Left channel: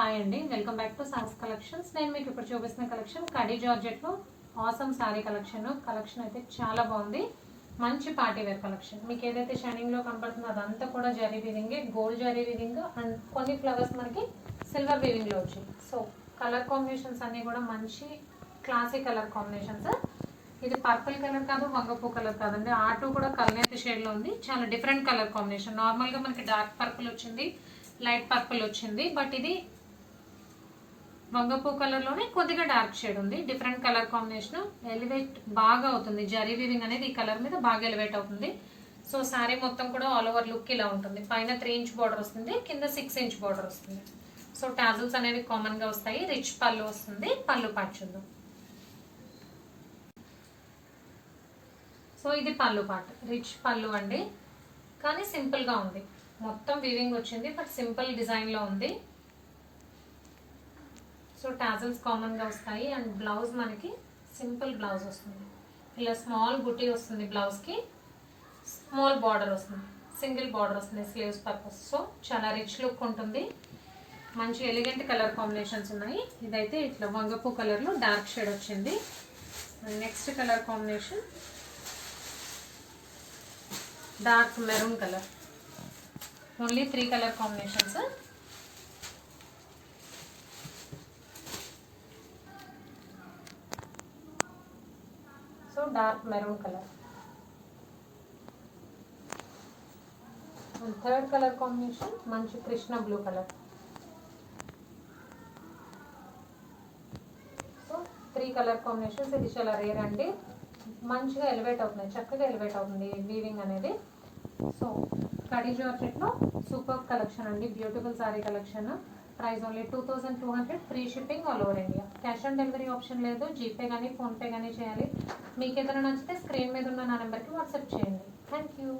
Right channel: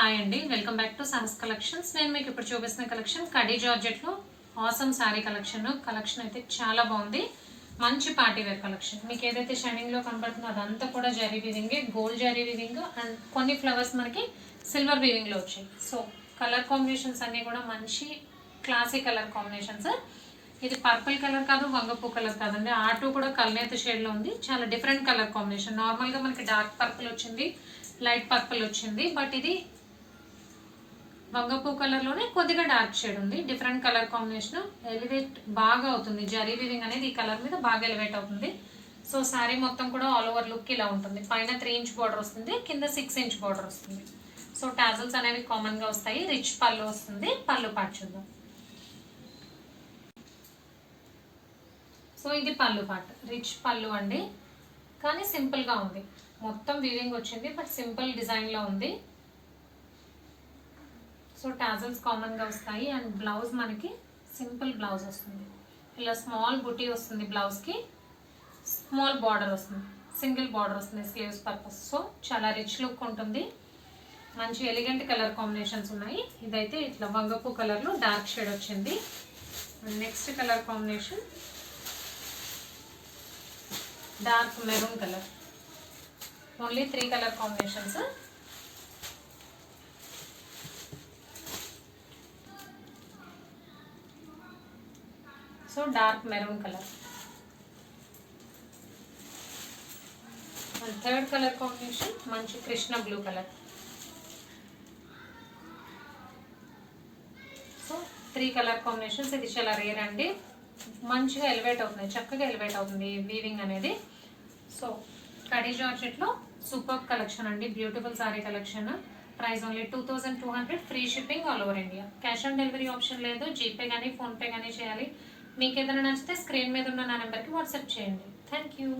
Hi అండి, welcome back to Sahas collections. నేను మీకు ఇప్పుడు చూపిస్తున్న కలెక్షన్ కడీ జార్జెట్లో ఆసమ్ శారీ కలెక్షన్ అయితే చాలా బాగుంది. మంచి పార్టీ వేర్ కలెక్షన్. మీకు ఏదైతే షైనింగ్లో కనబడుతుందో అదంతా కూడా zari weaving, gold zari weaving and కొన్ని ఫ్లవర్స్ మనకి సిల్వర్ వీవింగ్లో వచ్చాయి. సో కలర్ కాంబినేషన్స్ అన్నీ కూడా మంచి క్లాసిక్ కలర్ కాంబినేషన్స్. ఇది పర్పుల్ కలర్ కాదు, వంగపూ కలర్ కాదండి. ఆటూ కూడా కల్నేత షేడ్లో ఉంది. చాలా డిఫరెంట్ కలర్ కాంబినేషన్. నార్మల్గా మనకి డార్క్ పర్పుల్ వచ్చింది, లైట్ పర్పుల్ వచ్చింది, బట్ ఇది వంగపూ కలర్లోనే కొద్దిగా డార్క్ షేడ్ ఉంది. Different colour combination. ఎలివేట్ బాగా అవుతుంది. జరీ వీవింగ్ అనేది ఈ కలర్ మీద బాగా ఎలివేట్ అవుతుంది. సో శారీ మొత్తం కూడా ఆల్ ఓవర్ లుక్ ఇలా ఉంటుంది. పైన 3 ఇంచ్ బార్డర్ వస్తుంది, కింద 6 ఇంచ్ బార్డర్ వస్తుంది. సో టాజల్స్ అనేవి కామన్గా వస్తాయి. రిచ్ పళ్ళు వస్తుంది. పళ్ళు పార్ట్ చూద్దాం. సో ఇది పళ్ళు పార్ట్. రిచ్ పళ్ళు అండి, కానీ సింపుల్గా ఉంది. మొత్తం వీవింగ్ వచ్చింది, బట్ సింపుల్ డిజైన్లో ఉంది. సో టాజల్స్ కామన్గా వస్తాయి. అండ్ బ్లౌజ్ మనకి సింపుల్ బ్లౌజ్ వస్తుంది. ఇలా స్మాల్ బుటీ వస్తుంది. బ్లౌజ్కి స్మాల్ బార్డర్ వస్తుంది, సింగిల్ బార్డర్ వస్తుంది స్లీవ్స్ పర్పస్. సో చాలా రిచ్ లుక్ ఉంటుంది. మంచి ఎలిగెంట్ కలర్ కాంబినేషన్స్ ఉన్నాయి. ఇదైతే ఇట్లా వంగపూ కలర్లో డార్క్ షేడ్ వచ్చింది. Next colour combination dark maroon colour. Only 3 colour combinations. So dark maroon colour. And third colour combination మంచి Krishna blue colour. So 3 colour combinations. ఇది చాలా రేర్ అండి. మంచిగా ఎలివేట్ అవుతుంది, చక్కగా ఎలివేట్ అవుతుంది వీవింగ్ అనేది. సో కడీ జార్జెట్లో సూపర్ కలెక్షన్ అండి. Beautiful sorry collection. Price only 2200. Free shipping all over India. Cash on delivery option లేదు. జీపే కానీ ఫోన్పే కానీ చేయాలి. మీకు ఏదైనా నచ్చితే స్క్రీన్ మీద ఉన్న నా నెంబర్కి వాట్సాప్ చేయండి. Thank you.